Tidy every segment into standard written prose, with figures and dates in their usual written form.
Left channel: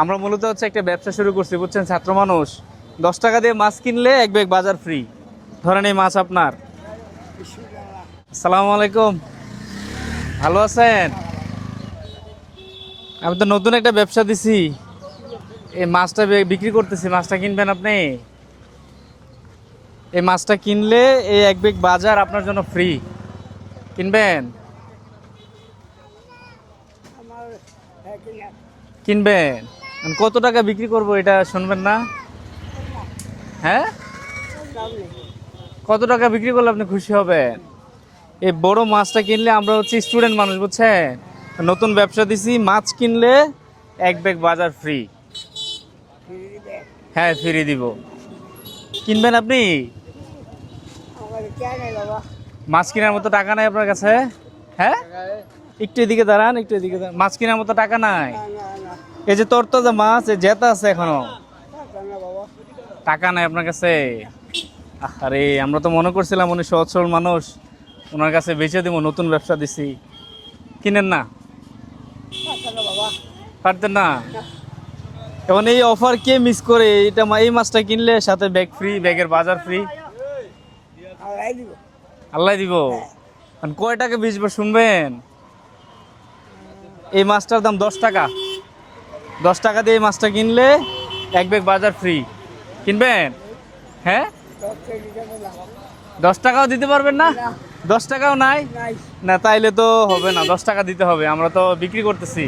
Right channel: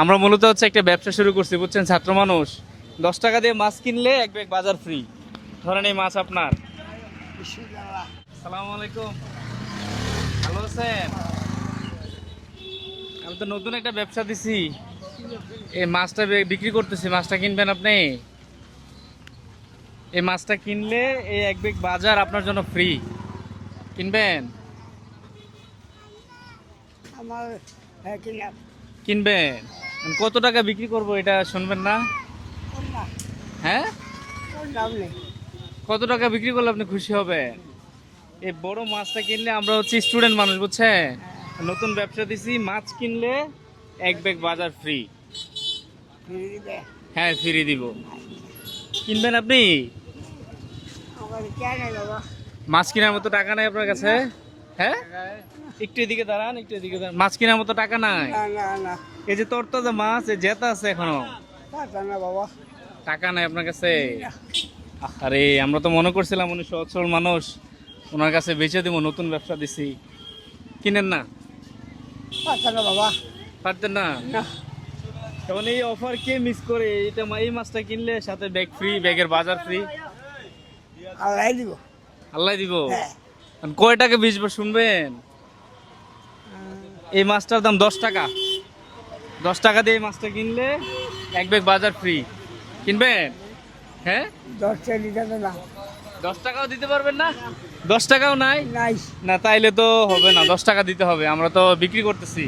আমরা মূলত হচ্ছে একটা ব্যবসা শুরু করছি, বুঝছেন, ছাত্র মানুষ। 10 টাকা দিয়ে মাছ কিনলে এক ব্যাগ বাজার ফ্রি। ধরেন এই মাছ আপনার। আসসালামু আলাইকুম, ভালো আছেন? আমি তো নতুন একটা ব্যবসা দিছি, এই মাছটা বিক্রি করতেছি। মাছটা কিনবেন আপনি? এই মাছটা কিনলে এই এক ব্যাগ বাজার আপনার জন্য ফ্রি। কিনবেন? কিনবেন? কত টাকা বিক্রি করব এটা শুনবেন না? হ্যাঁ, কত টাকা বিক্রি করলে আপনি খুশি হবেন? এই বড় মাছটা কিনলে, আমরা হচ্ছে স্টুডেন্ট মানুষ, বুঝছেন, নতুন ব্যবসা দিছি। মাছ কিনলে এক ব্যাগ বাজার ফ্রি। হ্যাঁ, ফ্রি দিব। কিনবেন আপনি? মাছ কেনার মতো টাকা নাই আপনার কাছে? হ্যাঁ, একটু এদিকে দাঁড়ান, একটু এদিকে দাঁড়ান। মাছ কেনার মতো টাকা নাই? এই যে তরতাজা মাছ, এই জেতা আছে এখনো, টাকা নাই আপনার কাছে? আরে, আমরা তো মনে করছিলাম উনি সহজ সরল মানুষ, ওনার কাছে বেচে দিব, নতুন ব্যবসা দিছি। কিনেন না? পারতেন না? এখন এই অফার কে মিস করে? এটা এই মাছটা কিনলে সাথে ব্যাগ ফ্রি, ব্যাগের বাজার ফ্রি। আল্লাহ দিব। কয় টাকা বেচবো শুনবেন? এই মাছটার দাম 10 টাকা। 10 টাকা দিয়ে এই মাছটা কিনলে এক ব্যাগ বাজার ফ্রি। কিনবেন? হ্যাঁ, 10 টাকাও দিতে পারবেন না? 10 টাকাও নাই? না, তাইলে তো হবে না, 10 টাকা দিতে হবে, আমরা তো বিক্রি করতেছি।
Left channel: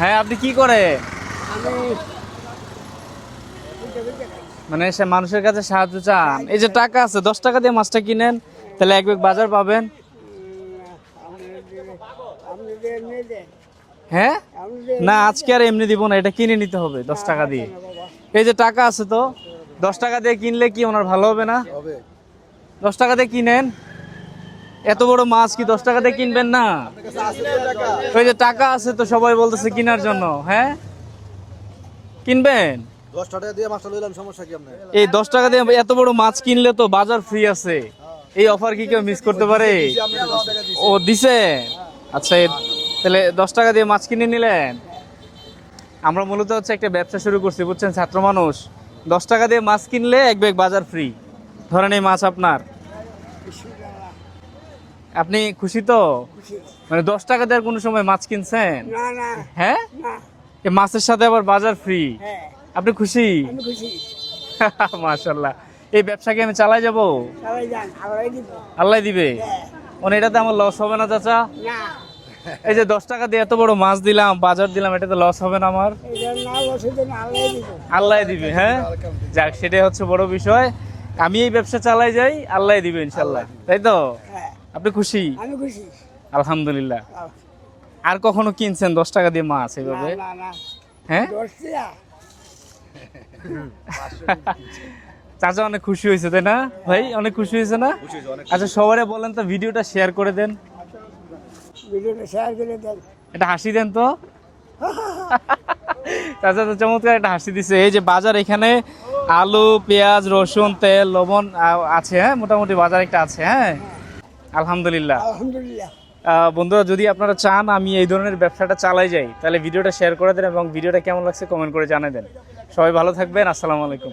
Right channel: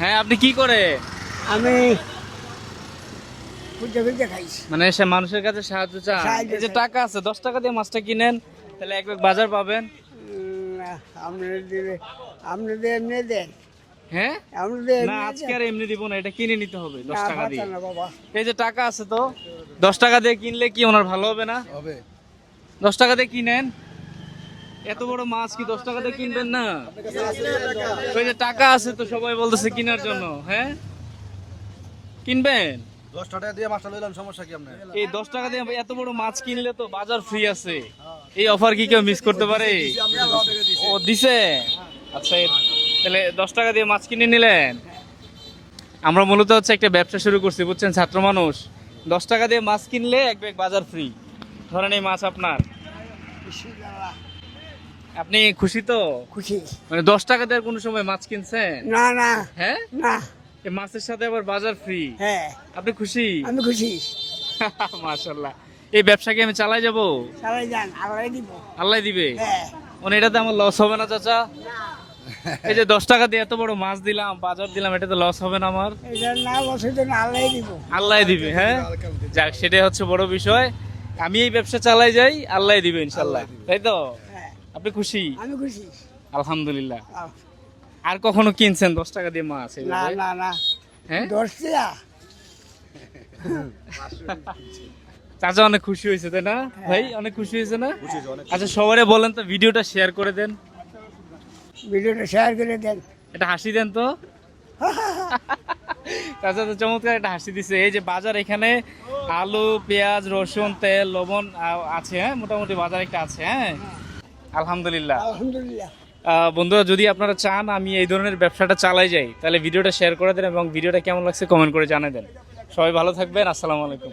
হ্যাঁ, আপনি কি করে? আমি মানে সে মানুষের কাছে সাহায্য চান। এই যে টাকা আছে, 10 টাকা দিয়ে মাছটা কিনেন, তাহলে এক ব্যাগ বাজার পাবেন। হ্যাঁ, না, আজকে আর এমনি দিব না, এটা কিনে নিতে হবে 10 টাকা দিয়ে। এই যে টাকা আছে তো, 10 টাকা দিয়ে কিনলে কি ওনার ভালো হবে না? 10 টাকা দিয়ে কিনেন। এত বড় মাছ কি 10 টাকা দিয়ে কিনবেন না? ওই যে টাকা আছে তো, সবাই বলতেছে কেনার জন্য। হ্যাঁ, কিনবেন? 10 টাকা দিয়ে মাছটা লইলাম, সমস্যা কি আপনার? এই 10 টাকা দিয়ে এত বড় মাছ কিনলে তো বাজার ফ্রি আছে। এই অফার কি কেউ মিস করতে পারে? ও দিছে। আচ্ছা, তাহলে 10 টাকা দিয়ে মাছ কিনে নিলেন। আমরা মূলত হচ্ছে একটা ব্যবসা শুরু করছি, বুঝছেন, ছাত্র মানুষ। 10 টাকা দিয়ে মাছ কিনলে এক ব্যাগ বাজার ফ্রি। ধরেন এই মাছ আপনার। আপনি খুশি তো? খুশি। মানে 10 টাকা দিয়ে কোনো সময় মাছ কিনছেন? না না হ্যাঁ, না। এই মাছের সাথে আবার বাজার ফ্রি। হ্যাঁ, আপনি খুশি? আমি খুশি। মাশাআল্লাহ। এই ব্যবসাকে আমি চালাই যাব? চালাই যান, আল্লাহ দিব। আল্লাহ দিবে। হ্যাঁ। মানে এটাতে আমার লস হবে না চাচা? না, এই যে 10 টাকা দিয়ে এত বড় মাছ দিলাম, বাজার দিলাম, এটাতে লস হবে না আমার? এটা না বসে তো আল্লাহ দিব। আল্লাহ দিবে। হ্যাঁ, যাক, সেটাই হচ্ছে বড় বিষয়। আমি এই ব্যবসা চালাই যাই, আল্লাহ দিবে ইনশাল্লাহ, তাই তো? হ্যাঁ, আপনি খুশি? আমি খুশি। আলহামদুলিল্লাহ। আর কখনো কিনছেন 10 টাকা দিয়ে মাছ না এইভাবে? না না, হ্যাঁ, দোস্তিয়া। চাচা অনেক খুশি হয়েছে, তাই না ভাই? অনেক খুশি হয়েছে না? আচ্ছা, সবারে বলেন তো, ভিডিওটা শেয়ার করে দেন। ভিডিওটা শেয়ার করে দেন। এটা হাসি দেন তো। চাচা তো চমৎকার একটা হাসি দিছে। এই যে বাজার, এখানে আলু, পেঁয়াজ, রসুন, তেল, লবণ আছে। হ্যাঁ, মোটামুটি বাজার একটা আছে। হ্যাঁ, আলহামদুলিল্লাহ। আলহামদুলিল্লাহ। বন্ধুরা, যদি আপনারা চান আমি এই ধরনের ব্যবসাটা চালাই যাই, তাহলে ভিডিওটা শেয়ার করে দেন এবং ভিডিওটা কেমন লাগছে কমেন্ট করে জানিয়ে দেন। সবাই ভালো থাকবেন। আসসালামু আলাইকুম।